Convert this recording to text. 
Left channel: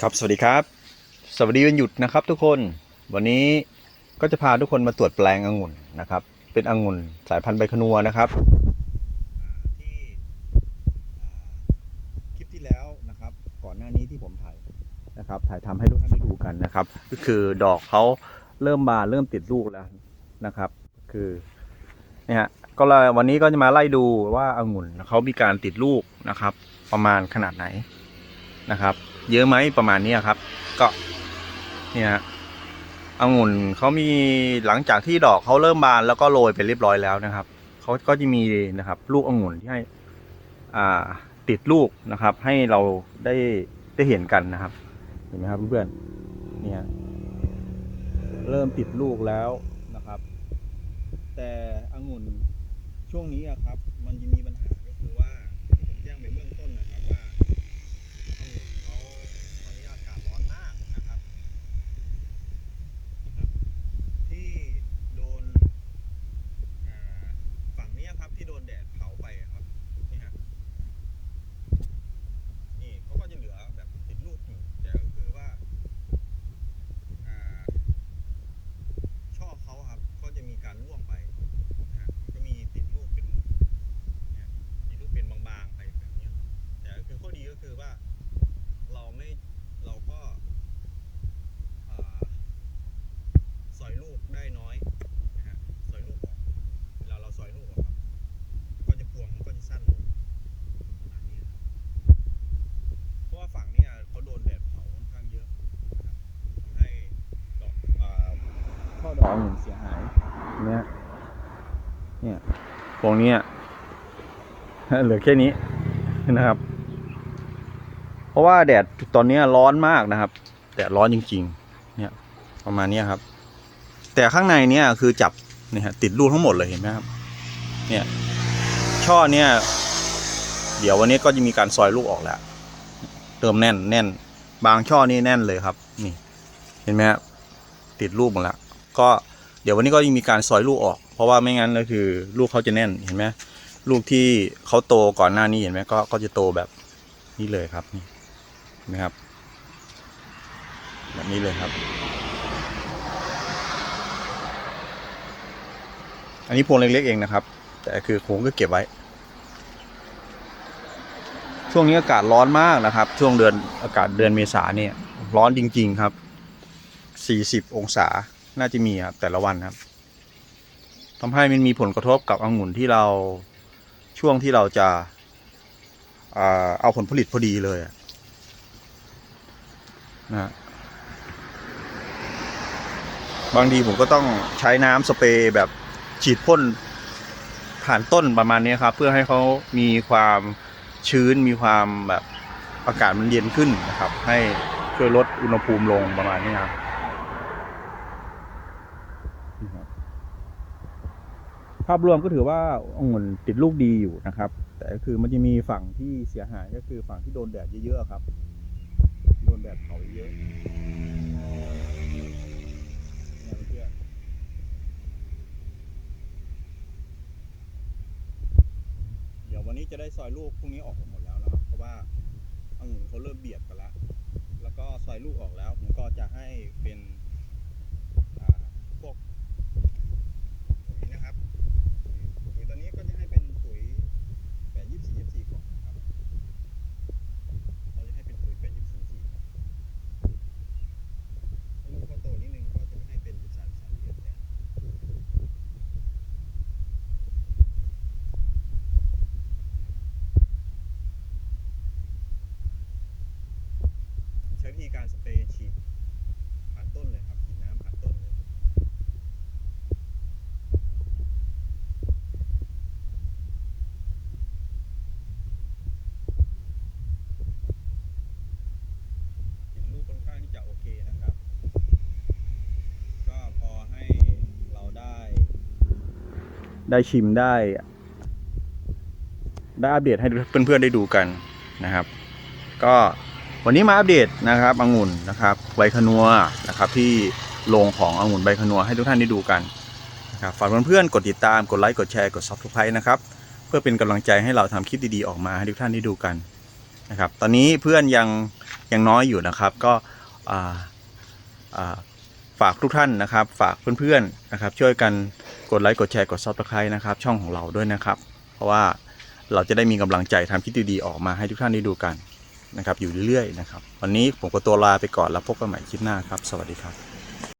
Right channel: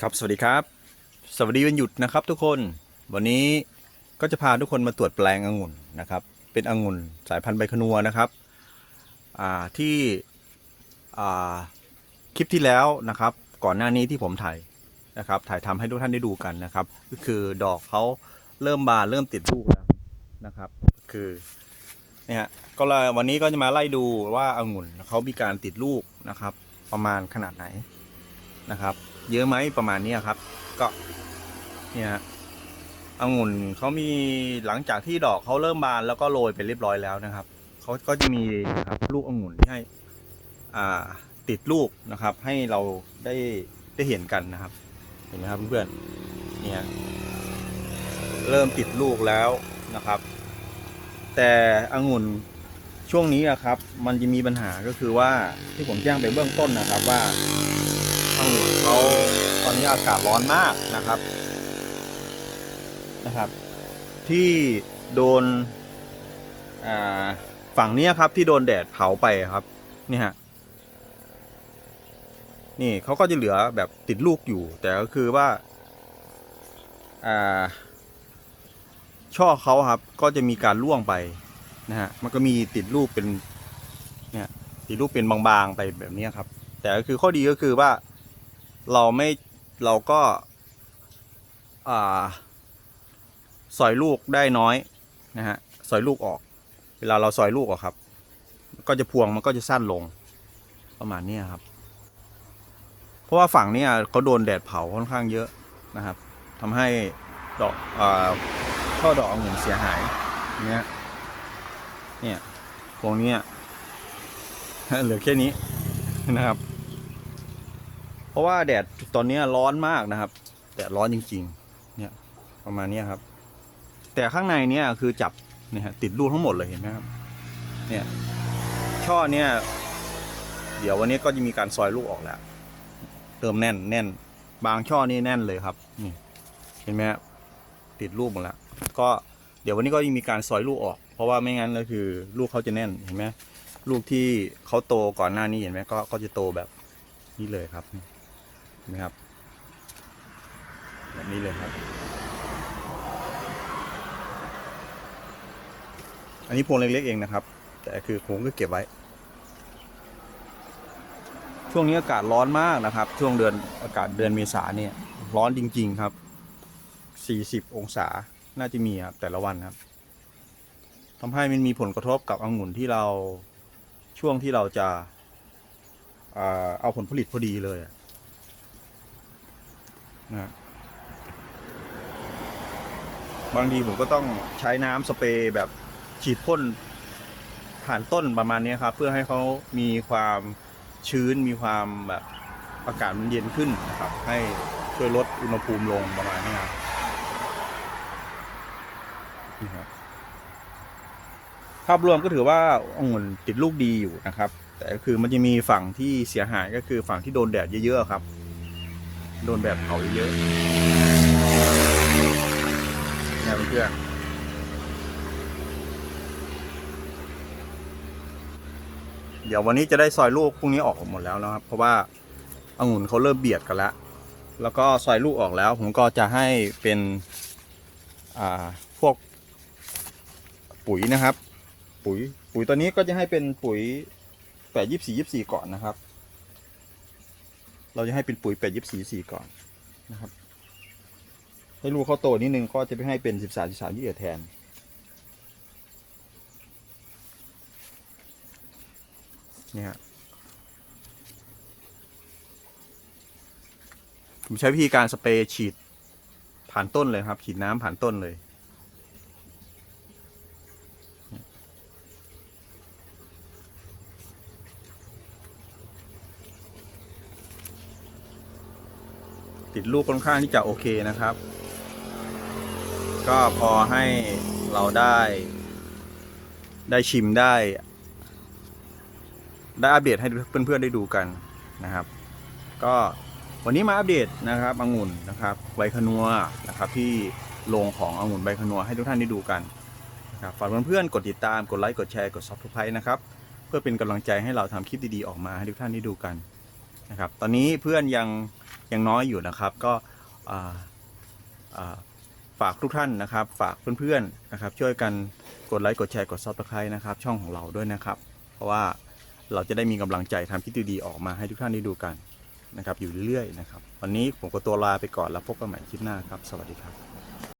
ครับสวัสดีครับ สวัสดีวันหยุดนะครับ ทุกคนวันนี้ก็จะพาทุกคนมาตรวจแปลงองุ่นนะครับ เป็นองุ่นสายพันธุ์ใบขนัวนะครับที่คลิปที่แล้วนะครับ ก่อนหน้านี้ที่ผมถ่ายนะครับ ถ่ายทำให้ทุกท่านได้ดูกันนะครับ ก็คือดอกเขาเริ่มบานเริ่มติดลูกแล้วนะครับ คือเนี่ยก็เลยวันนี้ก็จะมาไล่ดูว่าองุ่นเขามีการติดลูกนะครับ ประมาณขนาดไหน นะครับ เยอะไหมประมาณนี้ครับ ก็เนี่ยฮะองุ่นเขามีหลังจากที่ดอกเขาเริ่มบานแล้วก็โรยไปเรียบร้อยแล้วนะครับเขาก็จะมีนะครับ ลูกองุ่นที่ให้อ่าติดลูกนะครับ ให้เราได้ได้เห็นกันนะครับ เห็นไหมครับเพื่อนๆเนี่ยเริ่มติดลูกแล้วนะครับ แต่องุ่นช่วงนี้อะครับ มันจะมีปัญหาก็คือว่าที่ผมแจ้งไปเบื้องต้นนะครับว่า เขาตอนนี้อากาศร้อนมากนะครับนะครับ ที่โดนฝั่งนี้ครับที่โดนแดดเผาไปครับนี่ฮะนี่เขาก็จะเหลือแบบติดลูกอยู่ แต่ก็คือว่าช่อเขาครับก็จะมีการร่วงไปนะฮะมันก็มีติดลูกเป็นเนี่ยติดลูกเป็นบางๆไปแบบนี้ครับ แต่ก็คือข้อดีก็คือว่า เราไม่เราก็าสอยลูกได้น้อยนะฮะสอยลูกออก เวลาเราสอยลูกออกครับ ก็จะพวงมันก็จะสั้นลงประมาณนี้ครับ เพราะว่าฝั่งนี้เขาโดนแดดเผาค่อนข้างเยอะนะครับทำให้ดอกอาช่อดอกองุ่นเสียหายเนี้ยเนี่ยพวงนี้เหลือแค่นี้นะครับ เพราะว่าแดดตอนนี้ร้อนมากนะครับ แดดร้อนจริง ๆ เนี่ยประมาณนี้ครับ แต่ข้างในเนี่ยคือจับเนี่ยฮะติดลูกทั้งหมดเลยเห็นไหมครับ เนี่ยช่อเนี่ย เดี๋ยววันนี้ก็จะมีการซอยลูกออกแล้ว เติมแน่นแน่น บางช่อนี่แน่นเลยครับ นี่ เห็นไหมครับติดลูกหมดแล้วก็เดี๋ยววันนี้ก็จะมีการซอยลูกออก เพราะว่าไม่งั้นก็คือ ลูกเขาจะแน่นเห็นไหมลูกที่เขาโตก่อนหน้านี้เห็นไหมก็ก็จะโตแบบนี้เลยครับนี่ นะครับแบบนี้เลยครับ อันนี้พวงเล็กๆเองนะครับ แต่คือผมก็เก็บไว้ ช่วงนี้อากาศร้อนมากนะครับ ช่วงเดือนอากาศเดือนเมษาเนี่ย ร้อนจริง ๆครับ 40 องศาน่าจะมีครับแต่ละวันครับทำให้มันมีผลกระทบกับองุ่นที่เราช่วงที่เราจะเอาผลผลิตพอดีเลยอะ นะบางทีผมก็ต้องใช้น้ำสเปรย์แบบฉีดพ่นผ่านต้นประมาณนี้ครับ เพื่อให้เขามีความชื้นมีความแบบอากาศมันเย็นขึ้นนะครับ ให้ช่วยลดอุณหภูมิลงประมาณนี้ครับภาพรวมก็ถือว่าองุ่นติดลูกดีอยู่นะครับ แต่ก็คือมันจะมีฝั่งที่เสียหายก็คือฝั่งที่โดนแดดเยอะๆครับ โดนแบบเผาเยอะๆนี่ยเพื่อนเดี๋ยววันนี้จะได้ซอยลูกพรุ่งนี้ออกหมดแล้วนะครับ เพราะว่าองุ่นเขาเริ่มเบียดกันแล้ว แล้วก็ซอยลูกออกแล้ว ผมก็จะให้เป็นพวกปุ๋ยนะครับ ปุ๋ยปุ๋ยตัวนี้ก็จะให้เป็นปุ๋ยแปดยี่สี่ยี่สี่ก่อนนะครับ เราจะให้เป็นปุ๋ยแปดยี่สี่สี่ก่อนนะครับให้ลูกเขาโตนิดนึงก็จะไปให้เป็นสิบสามสิบสามยี่แทนเนี่ยผมใช้วิธีการสเปรย์ฉีดผ่านต้นเลยครับ ฉีดน้ำผ่านต้นเลย ติดลูกค่อนข้างที่จะโอเคนะครับ ก็พอให้เราได้ ได้ชิมได้ ได้อัปเดตให้เพื่อนๆได้ดูกันนะครับ ก็วันนี้มาอัปเดตนะครับองุ่นนะครับใบขนัวนะครับ ที่โรงขององุ่นใบขนัวให้ทุกท่านได้ดูกันนะครับฝากเพื่อนๆกดติดตามกดไลค์กดแชร์กด subscribe นะครับ เพื่อเป็นกำลังใจให้เราทำคลิปดีๆออกมาให้ทุกท่านได้ดูกันนะครับ ตอนนี้เพื่อนยัง ยังน้อยอยู่นะครับ ก็ฝากทุกท่านนะครับ ฝากเพื่อนๆนะครับ ช่วยกันกดไลค์กดแชร์กดซับสไครต์นะครับ ช่องของเราด้วยนะครับ เพราะว่าเราจะได้มีกำลังใจทำคลิปดีๆออกมาให้ทุกท่านได้ดูกันนะครับ อยู่เรื่อยๆนะครับ วันนี้ผมก็ตัวลาไปก่อนแล้วพบกันใหม่คลิปหน้าครับ สวัสดีครับ